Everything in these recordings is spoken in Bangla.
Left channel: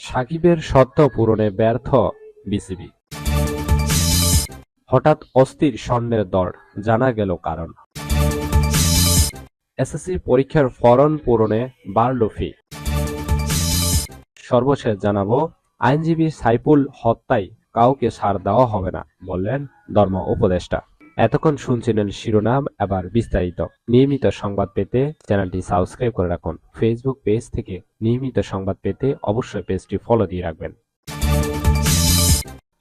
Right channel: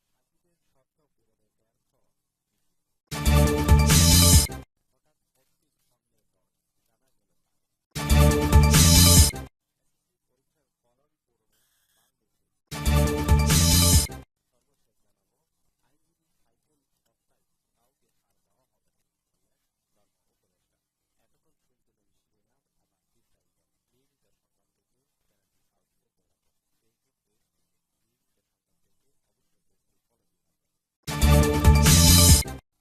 সাকিবের শর্ত পূরণে ব্যর্থ বিসিবি। হঠাৎ অস্থির স্বর্ণের দর, জানা গেল কারণ। এসএসসি পরীক্ষার ফরম পূরণে বাড়ল ফি। সর্বশেষ জানাবো, আইনজীবী সাইফুল হত্যায় কাউকে ছাড় দেওয়া হবে না বললেন ধর্ম উপদেষ্টা। এতক্ষণ শুনছিলেন শিরোনাম, এবার বিস্তারিত। নিয়মিত সংবাদ পেতে চ্যানেলটি সাবস্ক্রাইব করে রাখুন। ফেসবুক পেজ থেকে নিয়মিত সংবাদ পেতে অবশ্যই পেজটি ফলো দিয়ে রাখবেন।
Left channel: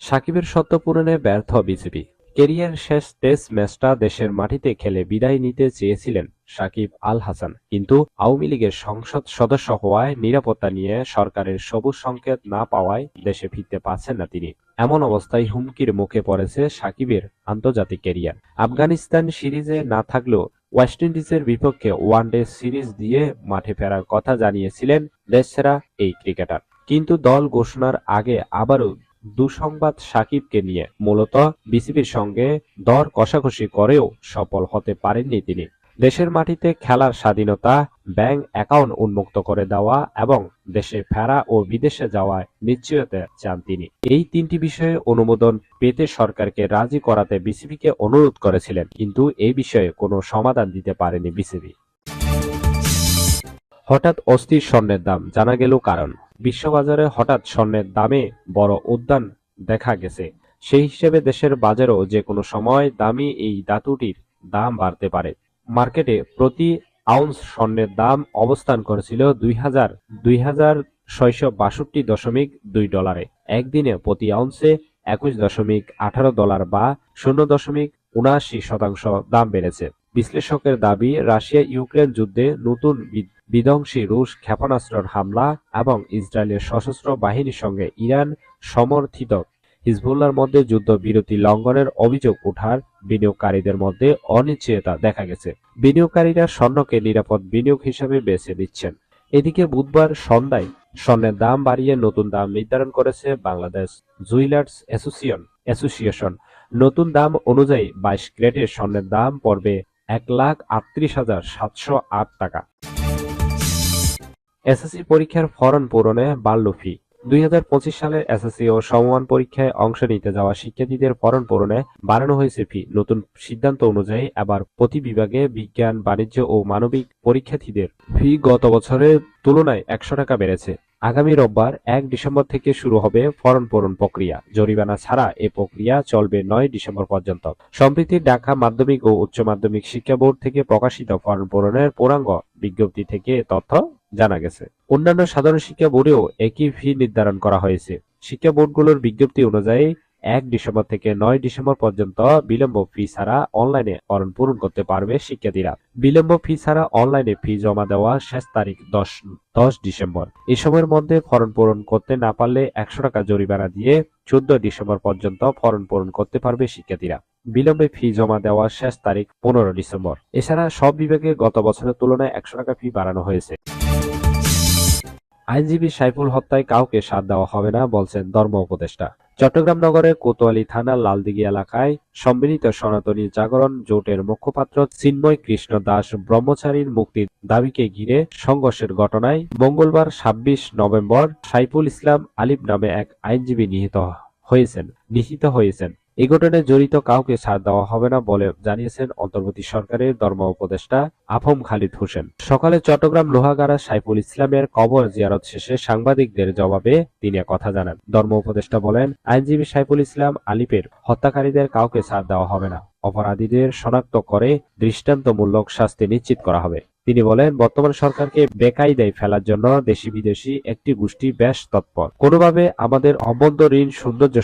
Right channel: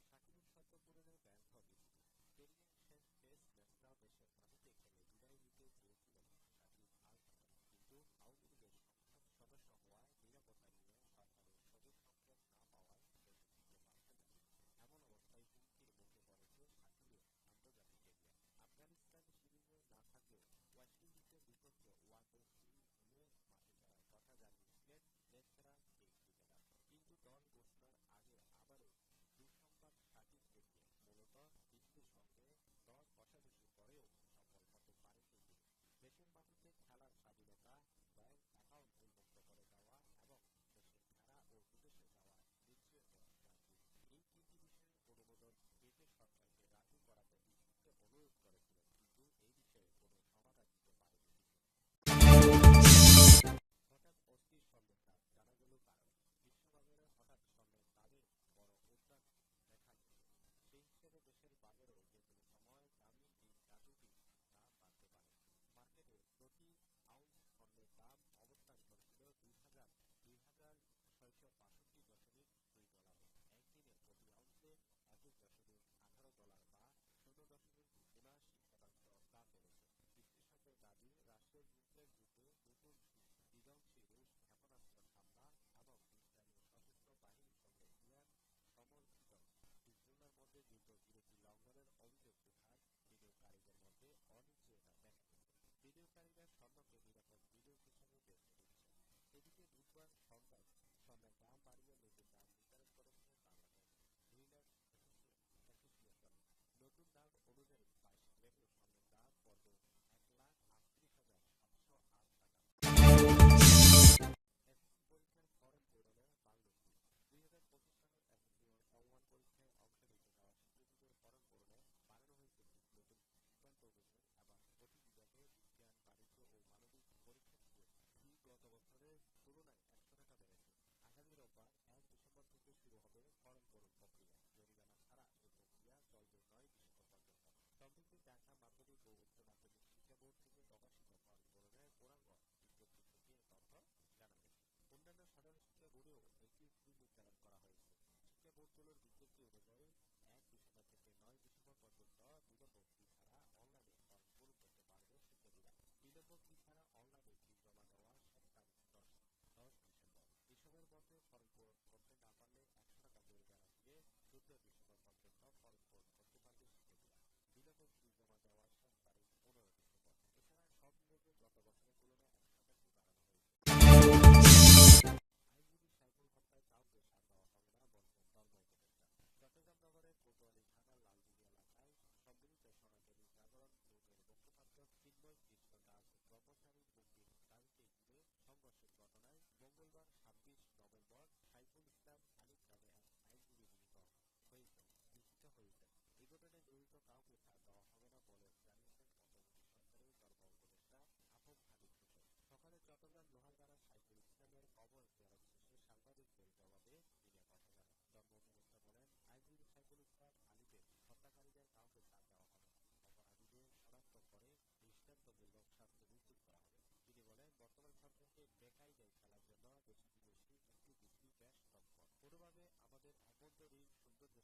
সাকিবের শর্ত পূরণে ব্যর্থ বিসিবি। কেরিয়ার শেষ টেস্ট ম্যাচটা দেশের মাটিতে খেলে বিদায় নিতে চেয়েছিলেন সাকিব আল হাসান, কিন্তু আওয়ামী লীগের সংসদ সদস্য হওয়ায় নিরাপত্তা নিয়ে সরকারের সবুজ সংকেত না পাওয়ায় দেশে ফিরতে পারছেন না তিনি। এমন অবস্থায় হুমকির মুখে পড়েছে সাকিবের আন্তর্জাতিক কেরিয়ার। আফগানিস্তান সিরিজে না থাকলেও ওয়েস্ট ইন্ডিজের বিপক্ষে ওয়ানডে সিরিজ দিয়ে মাঠে ফেরার কথা জানিয়েছিলেন দেশসেরা এই ক্রিকেটার। কিন্তু দল ঘোষণার আগে আবারও দুঃসংবাদ সাকিবকে নিয়ে। মূলত বিসিবির সঙ্গে দর কষাকষি করেও সফল হতে পারেননি তিনি। দেশের মাটিতে খেলার স্বাধীনতা, ব্যাংক অ্যাকাউন্ট উন্মুক্ত করে দেওয়া এবং দেশে ফেরা ও বিদেশে যাওয়ায় নিশ্চয়তা চান তিনি। এই তিনটি বিষয়ে অনুমোদন পেতে সরকারকে রাজি করাতে বিসিবিকে অনুরোধ করেছিলেন, কিন্তু এই বিষয়ে কোনো সমাধান দিতে পারেনি বিসিবি। হঠাৎ অস্থির স্বর্ণের দাম, জানা গেল কারণ। বিশ্ববাজারে হঠাৎ স্বর্ণের দামে বড় উত্থান দেখা গেছে। সেই হিসেবে দেশের বাজারেও যে কোনো সময় দামি এই ধাতুটির দাম বাড়তে পারে। মার্কেটে প্রতি আউন্স স্বর্ণের দাম অবস্থান করেছিল ২,৬৬২.২ ডলারে। একদিনে প্রতি আউন্সে ২১.১৮ ডলার বা ০.৭৯% দাম বেড়েছে। বিশ্লেষকের দাবি, রাশিয়া ইউক্রেন যুদ্ধে নতুন বিধ্বংসী রুশ ক্ষেপণাস্ত্রের হামলা এবং ইসরায়েলের সশস্ত্র বাহিনীর সঙ্গে ইরান সমর্থিত হিজবুল্লাহর মধ্যে যুদ্ধবিরতি লঙ্ঘনের অভিযোগ ওঠার বিনিয়োগকারীদের মধ্যে অনিশ্চয়তা দেখা গেছে। বিনিয়োগকারীরা স্বর্ণকে নিরাপদ বিনিয়োগ হিসেবে বেছে নিচ্ছেন। এদিকে বুধবার সন্ধ্যায় স্বর্ণের দাম বাড়িয়ে নতুন দাম নির্ধারণ করেছে বাংলাদেশ জুয়েলার্স অ্যাসোসিয়েশন। নতুন দাম অনুযায়ী ২২ ক্যারেটের স্বর্ণের দাম পড়বে ১,৩৮,৭০৮ টাকা। এসএসসি পরীক্ষার ফরম পূরণে বাড়ল ফি। ২০২৫ সালের এসএসসি ও সমমান পরীক্ষায় অংশ নিতে যাওয়া শিক্ষার্থীদের ফরম পূরণে বাড়ানো হয়েছে ফি। নতুন সিদ্ধান্ত অনুযায়ী এবার প্রতি বিভাগে বিজ্ঞান, বাণিজ্য ও মানবিক পরীক্ষার্থীদের ফি গত বছরের তুলনায় ১০০ টাকা বেড়েছে। আগামী রোববার ১ ডিসেম্বর থেকে শুরু হবে ফরম পূরণ প্রক্রিয়া। জরিমানা ছাড়া এ প্রক্রিয়া চলবে ৯ ডিসেম্বর পর্যন্ত। সম্প্রতি ঢাকা মাধ্যমিক ও উচ্চ মাধ্যমিক শিক্ষা বোর্ড থেকে প্রকাশিত ফরম পূরণের পূর্ণাঙ্গ বিজ্ঞপ্তি থেকে তথ্য জানা গেছে। অন্যান্য সাধারণ শিক্ষা বোর্ডেও একই ফি নির্ধারণ করা হয়েছে। শিক্ষা বোর্ডগুলোর বিজ্ঞপ্তি অনুযায়ী ১ ডিসেম্বর থেকে ৯ ডিসেম্বর পর্যন্ত বিলম্ব ফি ছাড়া অনলাইনে ফরম পূরণ করতে পারবে শিক্ষার্থীরা। বিলম্ব ফি ছাড়া অনলাইনে ফি জমা দেওয়ার শেষ তারিখ ১০ ডিসেম্বর। এই সময়ের মধ্যে ফরম পূরণ করতে না পারলে ১০০ টাকা জরিমানা দিয়ে ১৪ ডিসেম্বর পর্যন্ত ফরম পূরণ করতে পারবে শিক্ষার্থীরা। বিলম্বে ফি জমা দেওয়ার শেষ তারিখ ১৫ ডিসেম্বর। এছাড়া সব বিভাগে গত বছরের তুলনায় ১০০ টাকা ফি বাড়ানো হয়েছে। আইনজীবী সাইফুল হত্যায় কাউকে সাথ দেওয়া হবে না বলছেন ধর্ম উপদেষ্টা। চট্টগ্রাম নগরের কোতোয়ালি থানার লালদিঘি এলাকায় সম্মিলিত সনাতনী জাগরণ জোটের মুখপাত্র চিন্ময় কৃষ্ণ দাস ব্রহ্মচারীর মুক্তির দাবিকে ঘিরে সংঘর্ষের ঘটনায় মঙ্গলবার ২৬ নভেম্বর সাইফুল ইসলাম আলিফ নামে এক আইনজীবী নিহত হয়েছেন। এই ঘটনায় জড়িত কাউকে ছাড় দেওয়া হবে না বলে জানিয়েছেন অন্তর্বর্তী সরকারের ধর্ম উপদেষ্টা আফম খালিদ হোসেন। সকালে চট্টগ্রাম লোহাগাড়া সাইফুল ইসলামের কবর জিয়ারত শেষে সাংবাদিকদের জবাবে তিনি কথা জানান। ধর্ম উপদেষ্টা বলেন, আইনজীবী সাইফুল ইসলাম আলিফের হত্যাকারীদের কাউকে ছাড় দেওয়া হবে না। অপরাধীদের শনাক্ত করে দৃষ্টান্তমূলক শাস্তি নিশ্চিত করা হবে। তিনি বলেন, বর্তমান সরকারকে বেকায়দায় ফেলার জন্য দেশি বিদেশি একটি গোষ্ঠী বেশ তৎপর। কোনোভাবে আমাদের অবৈধ ঋণ সৌন্দর্য